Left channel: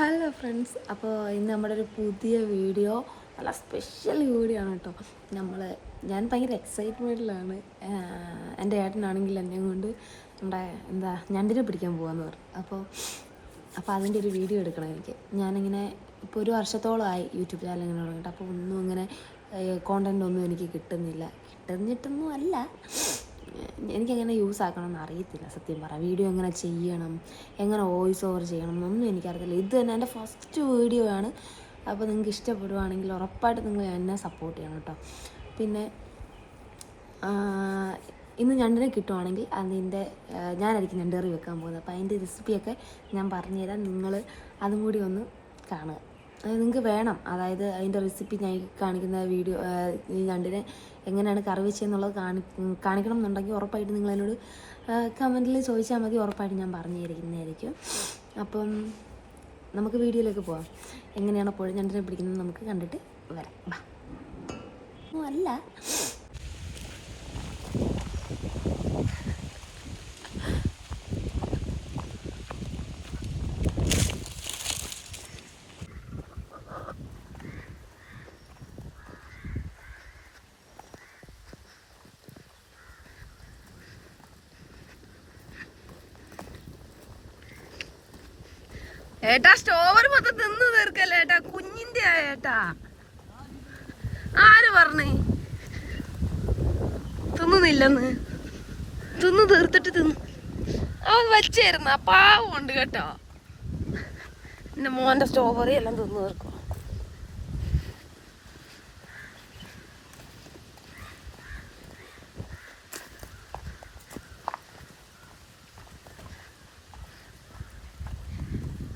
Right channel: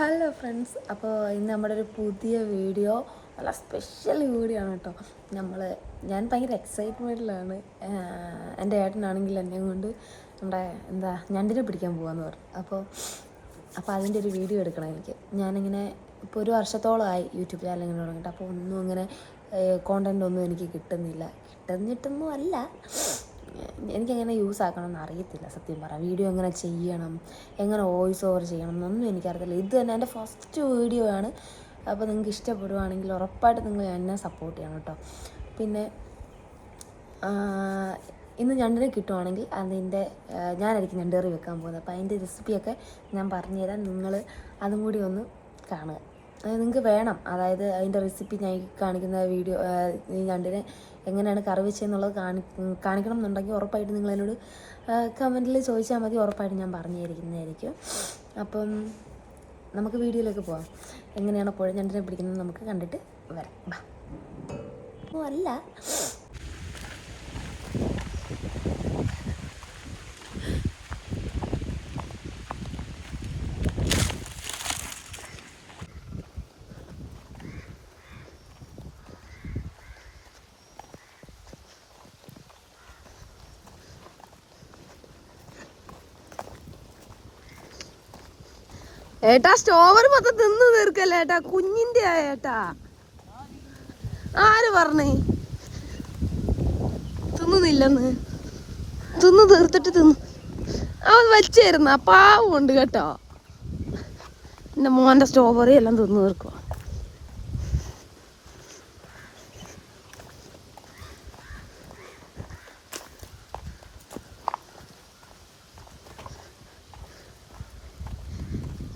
Hello friends, അപ്പോൾ ഇന്ന് നമ്മുടെ ഒരു പുതിയ വീഡിയോ, നല്ല സ്പെഷ്യൽ വീഡിയോ ആണ് കേട്ടോ. ഞാൻ ഭയങ്കര എക്സൈറ്റ്മെൻറ്റിലാണ്. എൻ്റെ ഏട്ടനാണെങ്കിൽ എന്നെ കൊണ്ട് നമ്മുടെ ഞണ്ടിനെ പിടിക്കാൻ പോകാമെന്ന് പറഞ്ഞു. അപ്പോൾ അതിൻ്റെ ഒരു വീഡിയോ എടുക്കണം എനിക്ക്. ഞാനിങ്ങനെ ഇപ്പോൾ ഒരു വർഷത്തോളമായി യൂട്യൂബ് ചാനൽ ഇങ്ങനെ തുടങ്ങിയിട്ട്. അപ്പോൾ ഒന്നും ഇങ്ങനെ കോണ്ടൻ്റ് ഒന്നും എനിക്ക് കിട്ടുന്നിട്ടൊന്നും അല്ല, എനിക്കങ്ങനെ യൂസ് ആക്കണമെന്ന് അറിയത്തില്ല സത്യം പറ. വീഡിയോ എങ്ങനെ ചെയ്യണം, എങ്ങനെ വോയിസ് ഓവർ ചെയ്യണം എന്നൊന്നും എനിക്കറിയത്തില്ല. ഇത് തന്നെ എൻ്റെ ഫസ്റ്റ് വീഡിയോ ആണ്. അപ്പോൾ നിങ്ങൾക്ക് ഇഷ്ടപ്പെടുവാണെങ്കിൽ ഉറപ്പായിട്ട് നിങ്ങൾ എന്നെ സപ്പോർട്ട് ചെയ്യണം കേട്ടോ. പിന്നെ ഇന്ന് ഞണ്ടിനെ കിട്ടുവാണെങ്കിൽ ഞാനായിരിക്കും ഞണ്ട് കറി വെക്കാൻ പോകുന്നത്. അപ്പോൾ അതിൻ്റെ റെസിപ്പിയൊക്കെ ഞാൻ പറഞ്ഞുതരാം. നിങ്ങൾ അതും കൂടി ഒന്ന് കാണുക. നിങ്ങൾക്ക് വേണം, അതായത് അതിൻ്റെ റെസിപ്പി ഞാൻ കാണിക്കുന്ന വീഡിയോ, ഈ ഞണ്ടിനെ എങ്ങനെയാണ് കറി വെച്ചതെന്നുള്ളത് കാണിക്കണം എന്നുണ്ടെങ്കിൽ ഉറപ്പായിട്ട് നിങ്ങൾ എന്നോട് കമൻറ്റിൽ ചോദിച്ചാൽ മതി. ഉറപ്പായിട്ട് ഞാൻ പറഞ്ഞു തരുന്നതായിരിക്കും. അപ്പം നമുക്ക് വീഡിയോയിലേക്ക് പോവാം. എങ്ങനെയാണ് പുഴ ഞണ്ടിനെ പിടിക്കുന്നത് നമുക്ക് കണ്ടിട്ട് വരാം. അല്ല ഏട്ടാ, സ്ട്രോബറി മൊത്തം തിന്നു തീർക്കല്ലേ ഏട്ടാ, കുഞ്ഞിന്റെ ഏട്ടാ. ആര് പറഞ്ഞേ തിന്നുന്നില്ലെന്ന്? തിന്നു തീർത്തിട്ട് അവൻ വെച്ചായിരുന്നു. പാവുണ്ട് കേട്ടോ, എന്റെ മോന്റെ സ്ട്രോബറി എല്ലാം തിന്നു തീർക്കും.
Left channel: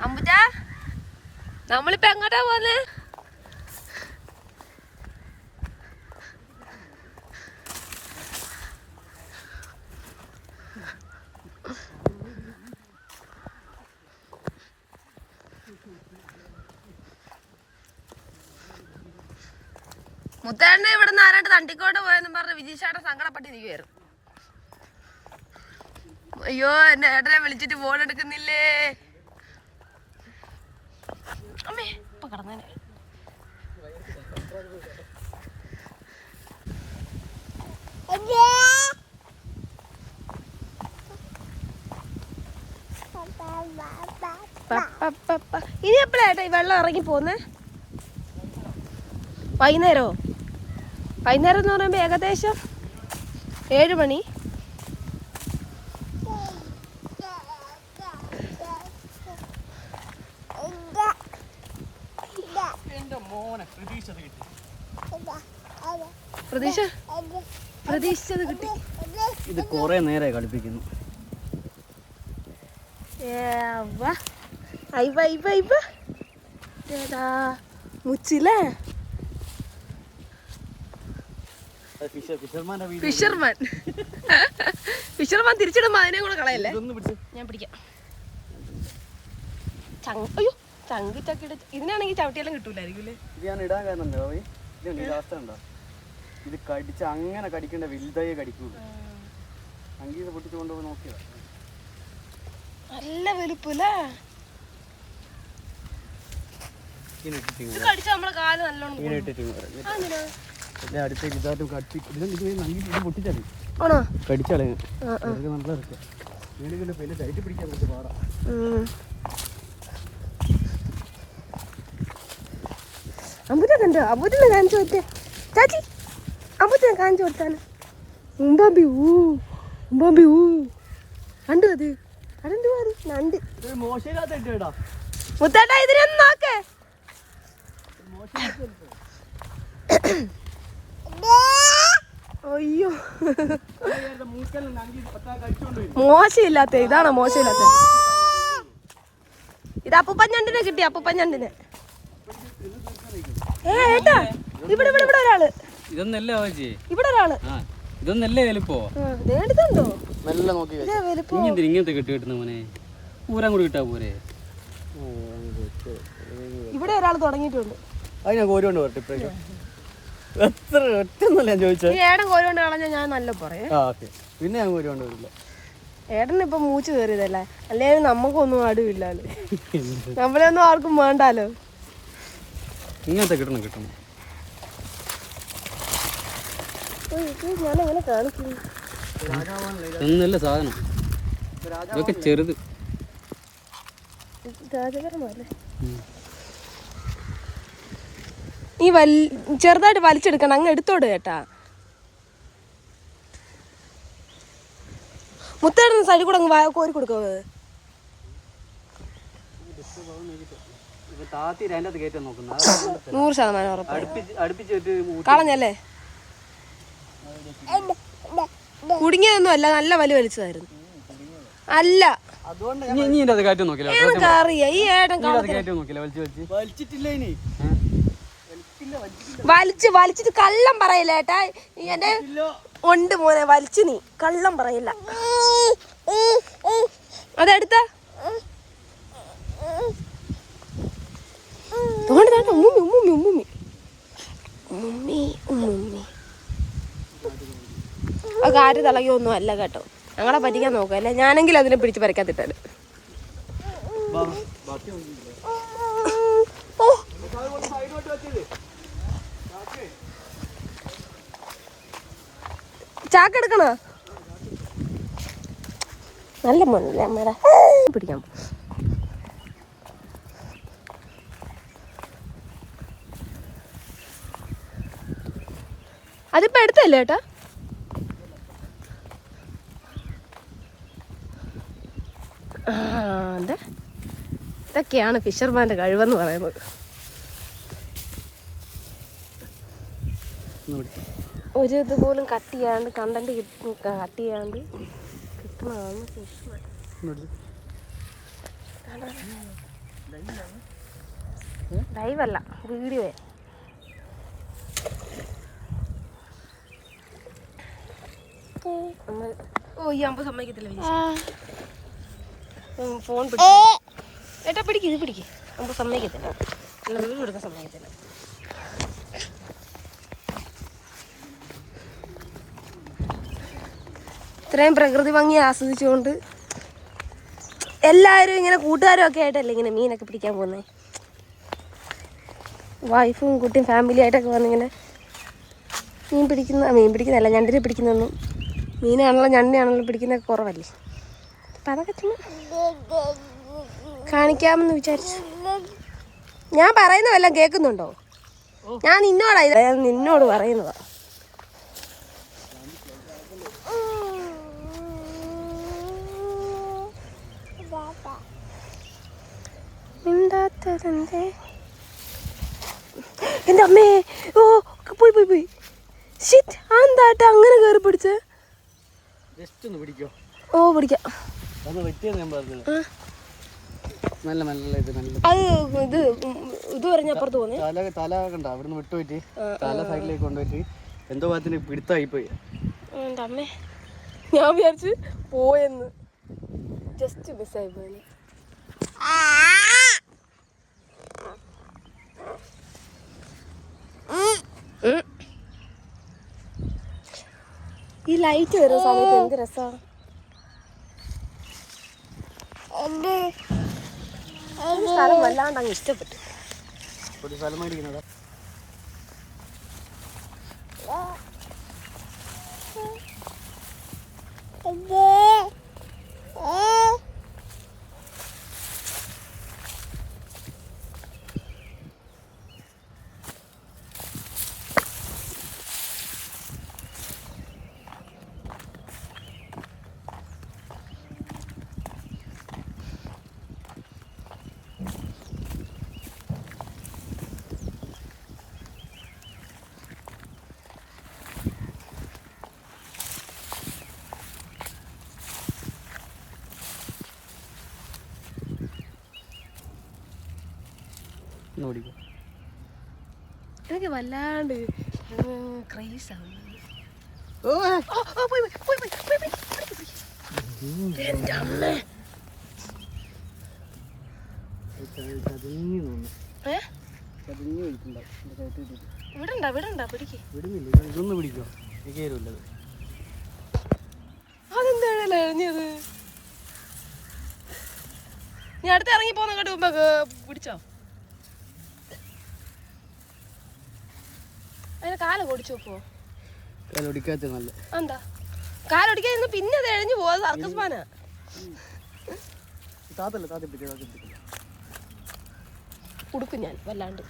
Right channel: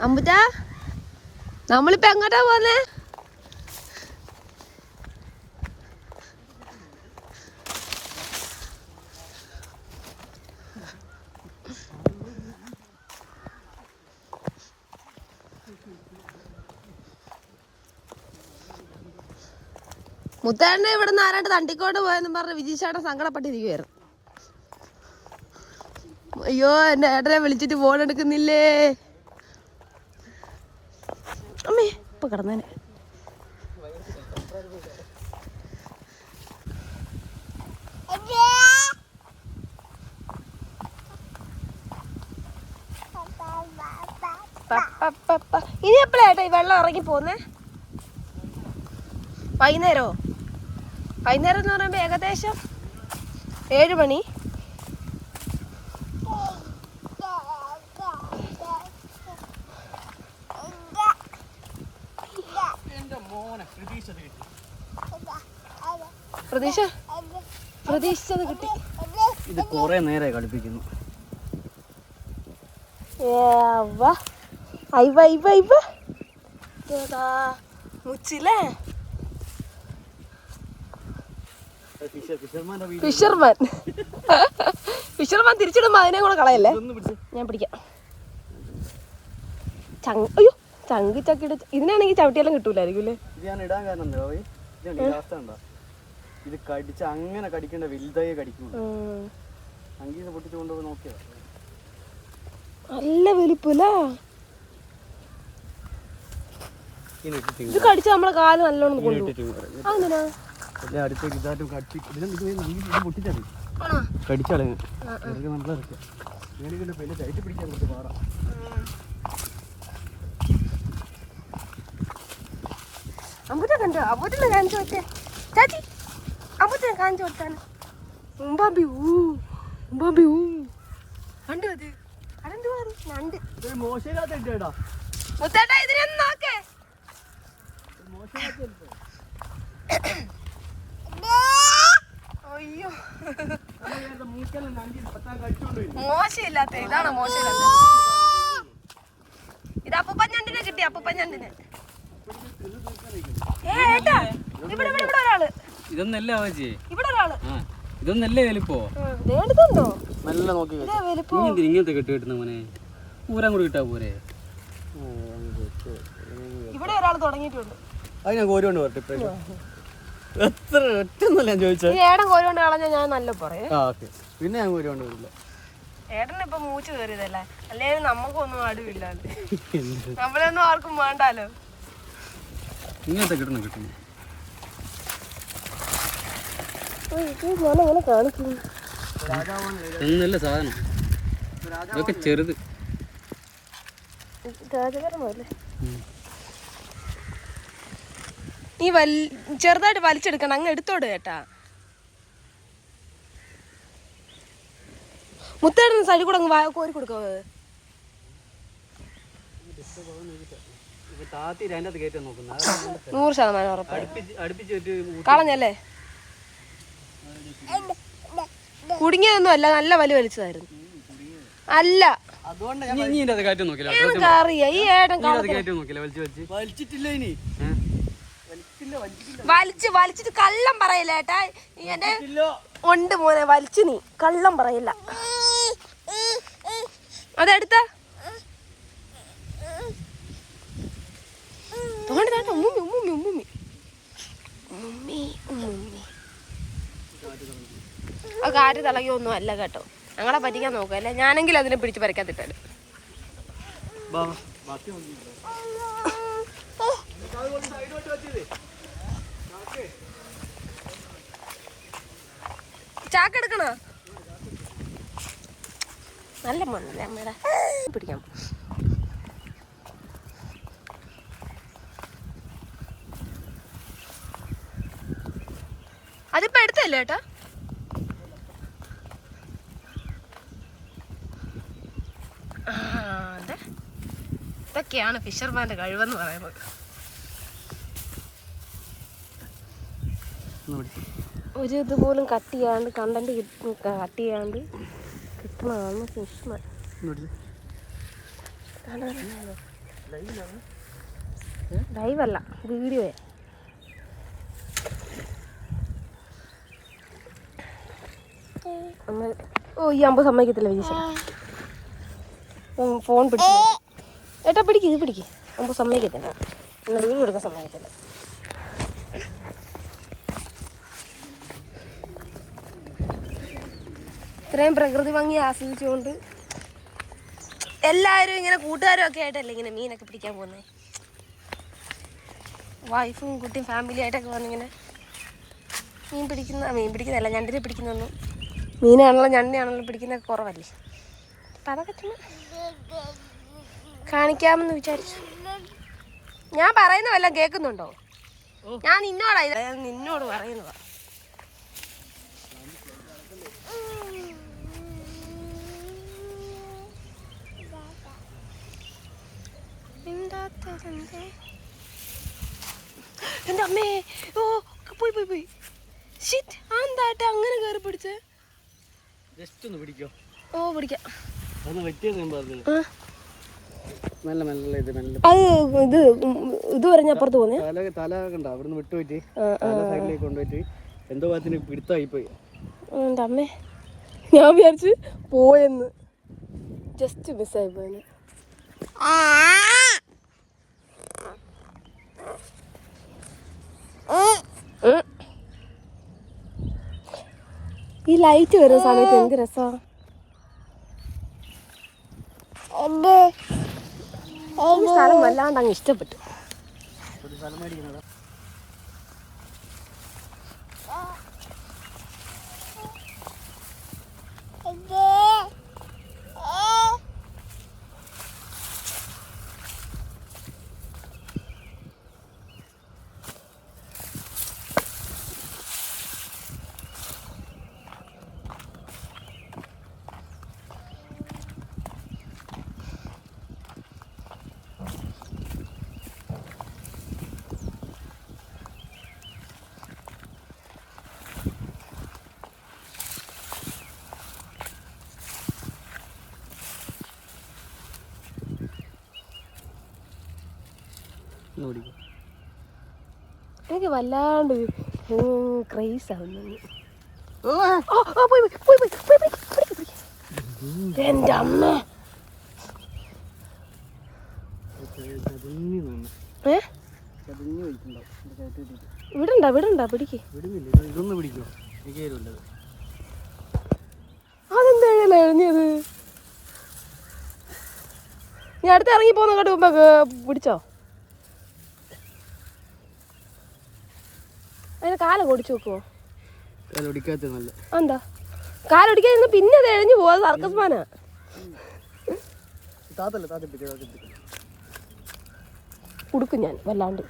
അമ്പുജാ, നമ്മളിപ്പോ എങ്ങോട്ടാ പോന്നെ? മുത്തേണ്ണ ഇവിടുന്ന് ആരാണ്ട് തണ്ടിക്കോട്ട് പോയെന്നും പറഞ്ഞ് വിജീഷേട്ടൻ സങ്കടപ്പെട്ടിരിക്കുവായിരുന്നു. അയ്യോ, എന്റെ ഏട്ടനെ വിളിച്ചിട്ട് ഫോൺ എടുക്കുന്നില്ലേ. അമ്മേ ഇപ്പൊ കിടന്നേനെ. ഇനി എപ്പോഴായിട്ടാ ഈ വെള്ളം ഇറങ്ങി പോന്നേ? വൈകുന്നേരോ? വൈകുന്നേരം എന്ന് പറയുമ്പോ ഏകദേശം 7 മണി. പ്രതീക്ഷിച്ചത് കിട്ടി. ഇത് കൊറേ നേരെ കളിപ്പിക്കുന്നു. മുച്ചില്ലേ ഫിഷർമാൻ തിരിച്ചിടുമ്പോ അതിനെ കൂടെ കളയല്ലേ. ഞാൻ പിടിക്കാം. അയ്യോ, ചങ്ക് ചക്കിട്ട് ഇതിനാണെങ്കിൽ ചവിട്ടിയെല്ലാം കിട്ടൂലായിരിക്കും. ഇത് കടിച്ച അങ്ങനെ കടിക്കണ്ട, വലുതായി കടിക്കും. സംഗീത പൊട്ടിച്ചു കൊണ്ടുപോയി നോക്കിയാ നല്ല വലുപ്പല്ലേ. ഇത് കടിച്ച നമ്മളെ കാല് നല്ലോണം കടിച്ചാളെ നല്ല ടൈറ്റ് പിടിക്കാൻ കുറച്ച് പാടാ. അമ്പൂറ്റാ കണ്ടോ? അമ്പൂറ്റിനെ കാണിച്ചു കൊടുത്തേ ചാച്ചി. അമ്പൂറ്റിനെ കാണിച്ചു കൊടുത്താണ്. ഉമ്പാമ്പി ഊ കണ്ടു. അതെന്തുവാ? നണ്ട്. മുത്തേട്ടാ, ഇതിനൊന്നും നോക്കേ. അയ്യോ, മോശമില്ലാത്ത ഇതാണോ? മോശമില്ലാത്ത ഇത് അപ്പൂപ്പൻ ഞണ്ടിനെ കിട്ടി. അപ്പൂപ്പൻ ഞണ്ടിനെ ഏട്ടാ, ഇവിടെ ഒരാള്. ഇതൊന്നല്ലേ ഇവിടെ ഒരാള്. ഇതൊന്നല്ലേ വലുപ്പോ? വേണ്ടതുണ്ടോ? നല്ല നോക്കി ഇങ്ങനത്തെ കെട്ടി കിട്ടുന്ന മോനെ ഊരാൻ കൂടി കിട്ടാ പോരെ. ഇവിടെ ഒരാൾ തുടങ്ങിയിട്ടുണ്ട്. അത് ഞാൻ കോരി കൊണ്ട് വരട്ടെ. എത്ര ഒറ്റൊന്നല്ല ഞാൻ ചോദിച്ചത്. ഏടം കോരി കൊണ്ട് കളഞ്ഞാൽ ഞാൻ നല്ല പറയാം. പിന്നെ ഞാൻ കോരി കൊണ്ട് വരില്ല. ഏട്ടനിപ്പം മൂച്ച് കയറിയതല്ലേ, അല്ലെങ്കിൽ നമുക്കൊന്നും അടുവില്ലാണ്ട്. നമ്മളെയൊന്നും ആർക്കും വേണ്ടാലോ. ഇങ്ങനത്തെ കിട്ടണം. ഞാനങ്ങനെ കാണിക്കും. ഒന്നുമില്ല സാധനം, ഇതൊക്കെ ചെറുത്. രാജകരമല്ലേ നീ ചെറുതായിട്ട് വലിച്ചെടുക്കണം, അങ്ങ് എടുത്തോട് കേട്ടാ. മുത്തേട സൈഡിൽ കൂടെ അങ്ങ് കോരി കൊടുക്കുന്നത്. താത്തി 100% ഉറപ്പ്. കളഞ്ഞല്ലേ? കുടുങ്ങിയതൊന്നും അല്ല, നല്ല വലി വലിച്ചതായിരുന്നു. അല്ല എനിക്കറിയാം ഈ ഏട്ടൻ വലിച്ചിട്ട് കള്ളം പറയില്ല ഏട്ടാ. എന്റെ ഉണ്ട് മോനെ, വലിച്ചു നീ കള്ളം പറയില്ല. അതെടുത്ത ആ കാറ്റ് തിളകിയൊന്നും അല്ല കേട്ടോ, ഞങ്ങളെ പറ്റിക്കാൻ നോക്കല്ലേ. ഞാനെങ്കിലും അതിനെ പിടിച്ച് പറിക്കാത്തിട്ടാണ്. ചാക്കെടുക്കണ നല്ല മണ്ണില്ല അമ്മ പിടിക്കാം. അതിപ്പോ എടുത്തല്ലേ ഏട്ടാ? അതെ, ഇതൊക്കെയാണ് ഫിഷർമാൻ്റെ കഴിവെന്ന് പറയുന്നത്. ഒരു ഇതുപോലും കട്ട് ചെയ്യാണ്ട് കണ്ടന്റ് കട്ട് ചെയ്യാണ്ട് കിട്ടണതാണ് ഫിഷ്മാൻ. ലൈവല്ല, വീഡിയോ. ഓ ഈ അമ്പ സമ്മതിക്കത്തില്ല ഫോൺ പിടിക്കും ഏട്ടാ. പിടിക്കും, ഇത് പിടിക്കും. അമ്പ സമ്മതിക്കത്തില്ല, എന്നെ വീഡിയോ എടുക്കാൻ സമ്മതിക്കത്തില്ല. ഇത്രയും പ്രകൃതി ഭംഗി ആസ്വദിച്ചുകൊണ്ട് എല്ലാവരും ഇങ്ങനെ കൂട്ടുകാരും ഒക്കെ ആയിട്ടല്ലേ ഇങ്ങനെ മീനൊക്കെ പിടിക്കാൻ പോകുന്നത്. വൈഫും കുട്ടിയും ഫാമിലി ആയിട്ടൊക്കെ വന്നിങ്ങനെ മീൻ പിടിക്കുന്നതല്ല, ഞണ്ടിനെ പിടിക്കുന്നൊന്നും, മീനാണല്ലോ ഞണ്ടിനാണല്ലോ പിടിക്കുന്നതൊക്കെ കുറവല്ലേ. അപ്പം അതൊക്കെ ചുമ്മാ കാണിക്കാമെന്ന് വിചാരിച്ചു. ഞാൻ പറയുന്നതെല്ലാം കേൾക്കുന്നുണ്ടോ? ഞാൻ നിന്നോട് പറയുന്നതാ. എന്റെ അമ്മേ, ഓ പോയി ഷിറ്റ്. എന്താട്ടാ അങ്ങനെ കയറി പിടിച്ച്? ഓ പിടിക്കാം. അത് ഇത് പറഞ്ഞ അപ്പുറത്ത് പോന്നെ തല കണ്ട അവിടുന്ന് വിട്ടുപോയിട്ട് തല സൈഡിലേക്ക് കൊണ്ടുപോയിട്ട് എന്തോ ഭാഗത്തിന് പിടുത്തമായി പോയി. എൻ്റെ അമ്മേ, ഞാൻ വിചാരിച്ച് പോയെന്ന്. ജസ്റ്റ് മിസ്സായി പോയി. ഈ ലൈറ്റ് വരുന്ന സമയത്ത് എന്ത് രസമാണ്. വല്ലാണ്ട് അങ്ങ് ഇഷ്ടപ്പെട്ടു. എനിക്ക് വല്ലാണ്ട് ക്രൈസ് ആവുന്നു. എൻ്റെ അമ്മ വിടണ്ട പിടിക്ക്. അതെന്താ പിന്നല്ലേ എഴുതിയത്. നീ അടുത്ത് ഇറങ്ങി പോകുന്ന കേട്ട് മുമ്പ് പിടിച്ചോ. അതിന് കാലം ഓടിച്ചു നോക്കുമോ? എന്താ കാലൊടിക്കാതിരുന്ന് പിന്നെ അത് എഴഞ്ഞു പോവാ. സർക്കസ് മാനാ. ഉടുക്കും ഞാൻ വല്ലാണ്ട്.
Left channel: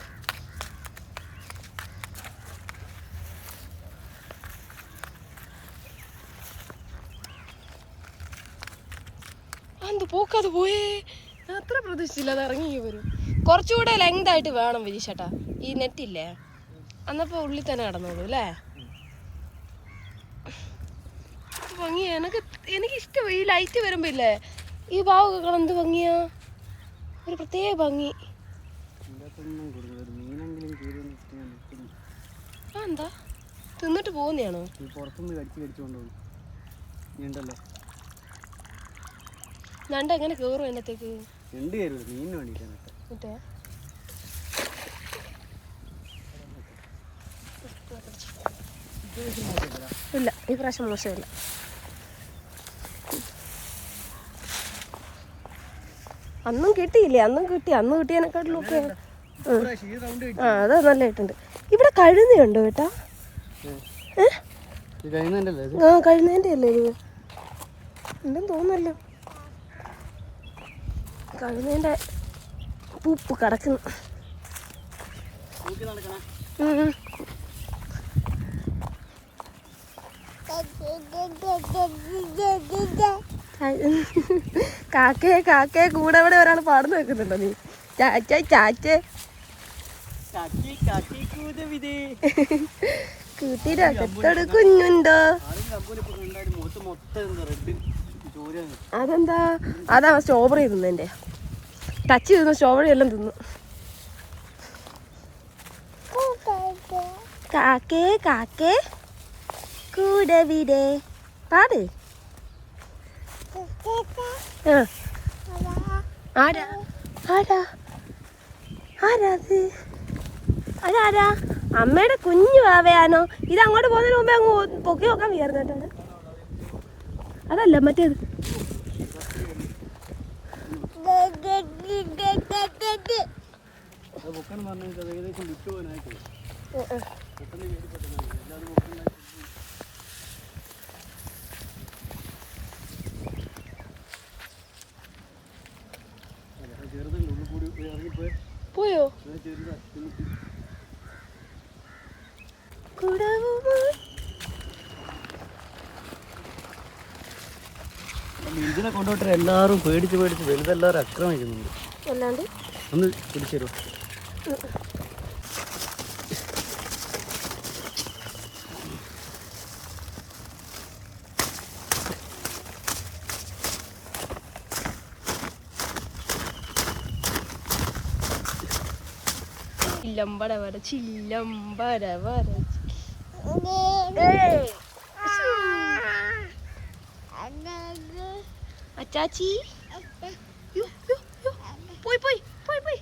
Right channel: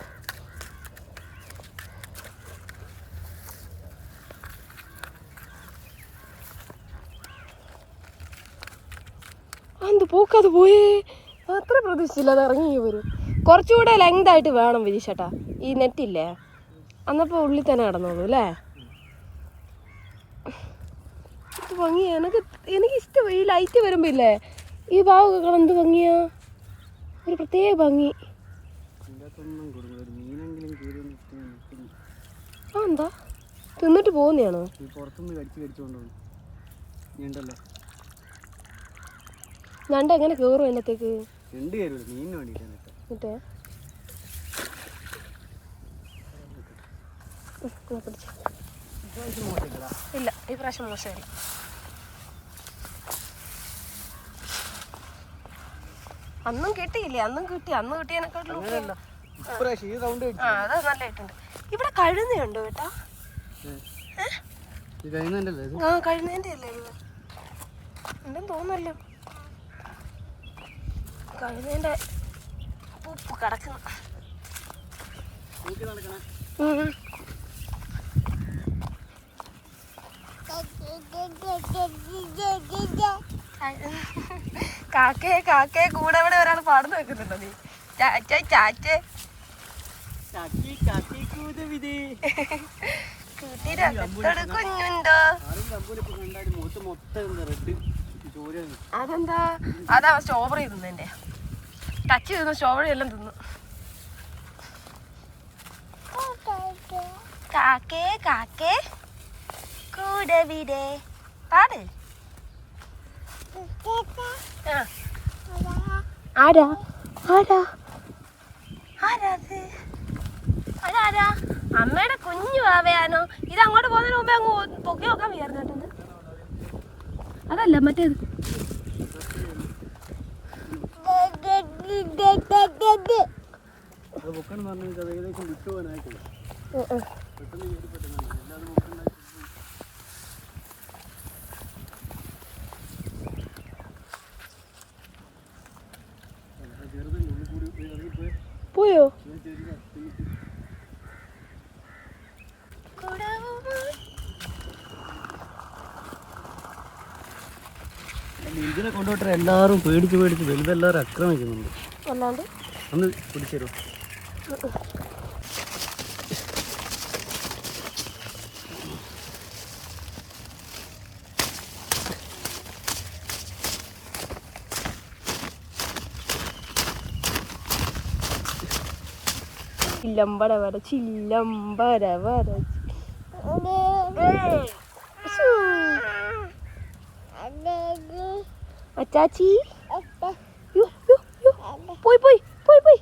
എന്ത് പോക്കത് പോയേ. അത്ര പ്രതീക്ഷിച്ചില്ല അത് ഇറങ്ങി വരും. കുറച്ചുകൂടെ ലെങ്ത് ആയിട്ട് വേണം വിരീഷേട്ടാ. ഈ നെറ്റില്ലേ അന്നപ്പോൾ ഉള്ളിൽ തന്നെ കിടന്നോളൂ അല്ലേ. ഭംഗിയാ. എനിക്കിഷ്ടം ഈ ലൈറ്റ് വരുമ്പോ ഇല്ലേ ഈ ഭാഗമൊക്കെ എന്ത് ഭംഗിയാ. ഒരു പ്രത്യേക ഭംഗി. ആ എന്താ തിന്നിട്ട് പോകുന്നതാണോ? ഞണ്ട് എങ്ങനെ കേറും എന്നത്തേക്ക്? മറ്റേ ഇല്ല ഈ പ്രാവശ്യം മോശമില്ല. അന്നും കിട്ടിയില്ലേ? അന്നും കിട്ടി. അന്ന് കിട്ടിയതിനെക്കാട്ടിലും ഒക്കെ ആ അത് നല്ലതായിട്ടുണ്ട്. ഇവിടെ കഴുതയുണ്ടോ കേട്ടാ? ആ കഴുന്നേൻ്റെ അല്ലേ ഇത്? ഉണ്ടെന്ന് തോന്നുന്നല്ലോ. കഴുന്നേൻ്റെ പൂപ്പ് കിടക്കുന്നു. കാക്കയെ കാക്കയെ കൂടെ ഇവിടെ ഒരാൾ പാടുന്നു വെക്കുന്നുണ്ടോ നീ? ചാച്ചേ ചാച്ചേ കൂട്ടിരകത്തോട് കുഞ്ഞുണ്ടോ? അതെന്താ? അതാ സ്ട്രോബെറി തിന്നെ. ടച്ച് ചെയ്തു സ്ട്രോബെറി എല്ലാം തിന്നു. കാക്കേ കാക്കേ കൂടെ വിടേ പാട്. ആരാ ആരാ ആരാത്? അതാരാ? അമ്മയുടെ കുഞ്ഞു ആവയാണോ? ഇത് അങ്ങോട്ട് പോകുന്നതിന് മുമ്പേ അങ്ങ് പൊക്കി നോക്കാൻ വിചാരിച്ചിട്ടുണ്ട്. അതല്ല മറ്റേത്. പോയോ? ഇതിനെ കൊണ്ടുപോയിട്ട് എല്ലാവരും പേടിച്ച് ഇതെല്ലാവരും ആക്രമിക്കുന്നുണ്ട്. അല്ലാണ്ട് ഒന്ന് പിടിച്ചു തരുമോ? ചില്ലമ്പട വര ചില്ലമ്പര വര. അച്ചാച്ചി പോയി പോയി പോയി പോയി.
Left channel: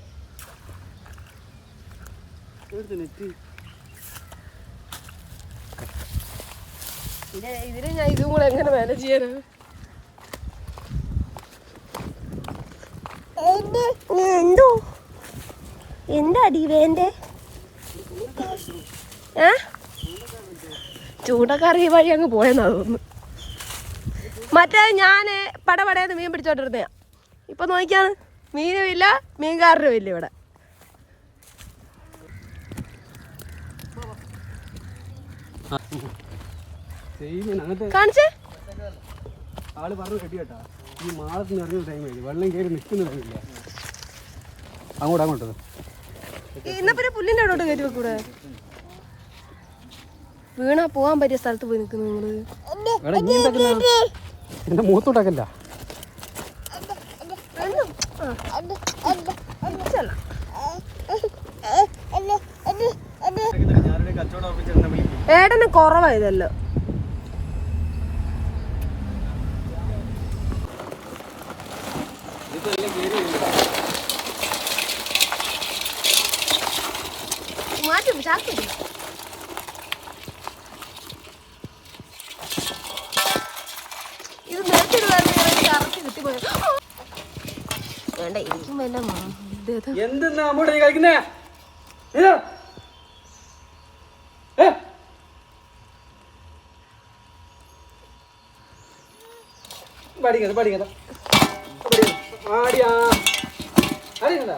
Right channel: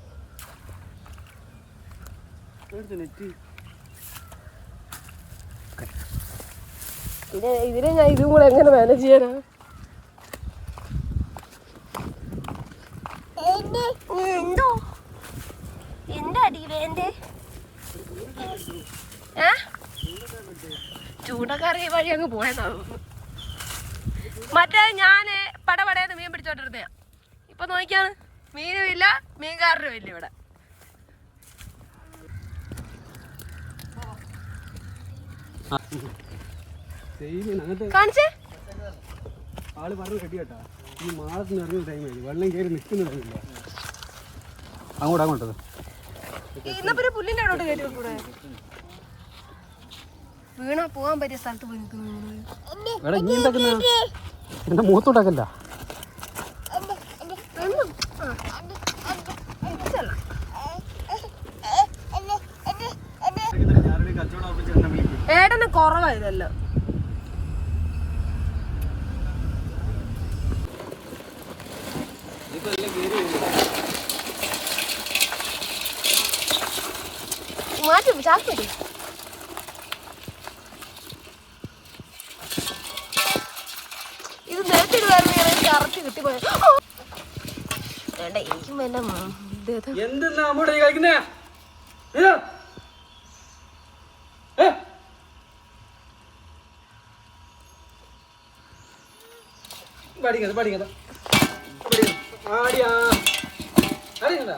ഇതിനെ ഞാൻ ഇതും കൂടെ എങ്ങനെ മാനേജ് ചെയ്യാനാ? എന്തോ എന്താടി വേണ്ടേ? ചൂടക്കറി വഴി അങ്ങ് പോയെന്നാ തോന്നുന്നു. മറ്റേ ഞാന് പടപടയെന്ന് മീൻ പിടിച്ചോണ്ടിരുന്നയാ. ഇപ്പൊ നോക്കിയാണ് മീനും ഇല്ല മീൻകാരനും ഇല്ല ഇവിടെ. കാണിച്ചേ. ആള് പറഞ്ഞു കെട്ടിയാട്ടാ ഈ മാളത്തിന് ഇറങ്ങുന്ന ടൈമായി വെള്ളം കയറി നിൽക്കുന്നില്ല. അങ്ങോട്ടത് ഇന്ന പിന്നെ പുല്ലിന്റെ അവിടോട്ട് കയറ്റി വെക്കൂടെ? വീണാ പോകാൻ പറ്റിയ സ്ഥലത്ത് പോയി നിൽക്കുന്നു നിങ്ങള്. ഇനി എന്താക്കുന്ന എന്റെ മൂത്തോട്ടക്കല്ല. ഏടന് കുറവായതല്ലോ. മാറ്റും ചാക്ക്. ഇത് നേരത്തെ പോയ വേണ്ട എനിക്കും വേണ്ട എന്തെന്നാ അമ്മൂടെ കഴിക്കുന്നേ പഠിക്കണ്ട പഠിക്കണ്ട ആടിയാ അറിയണ്ട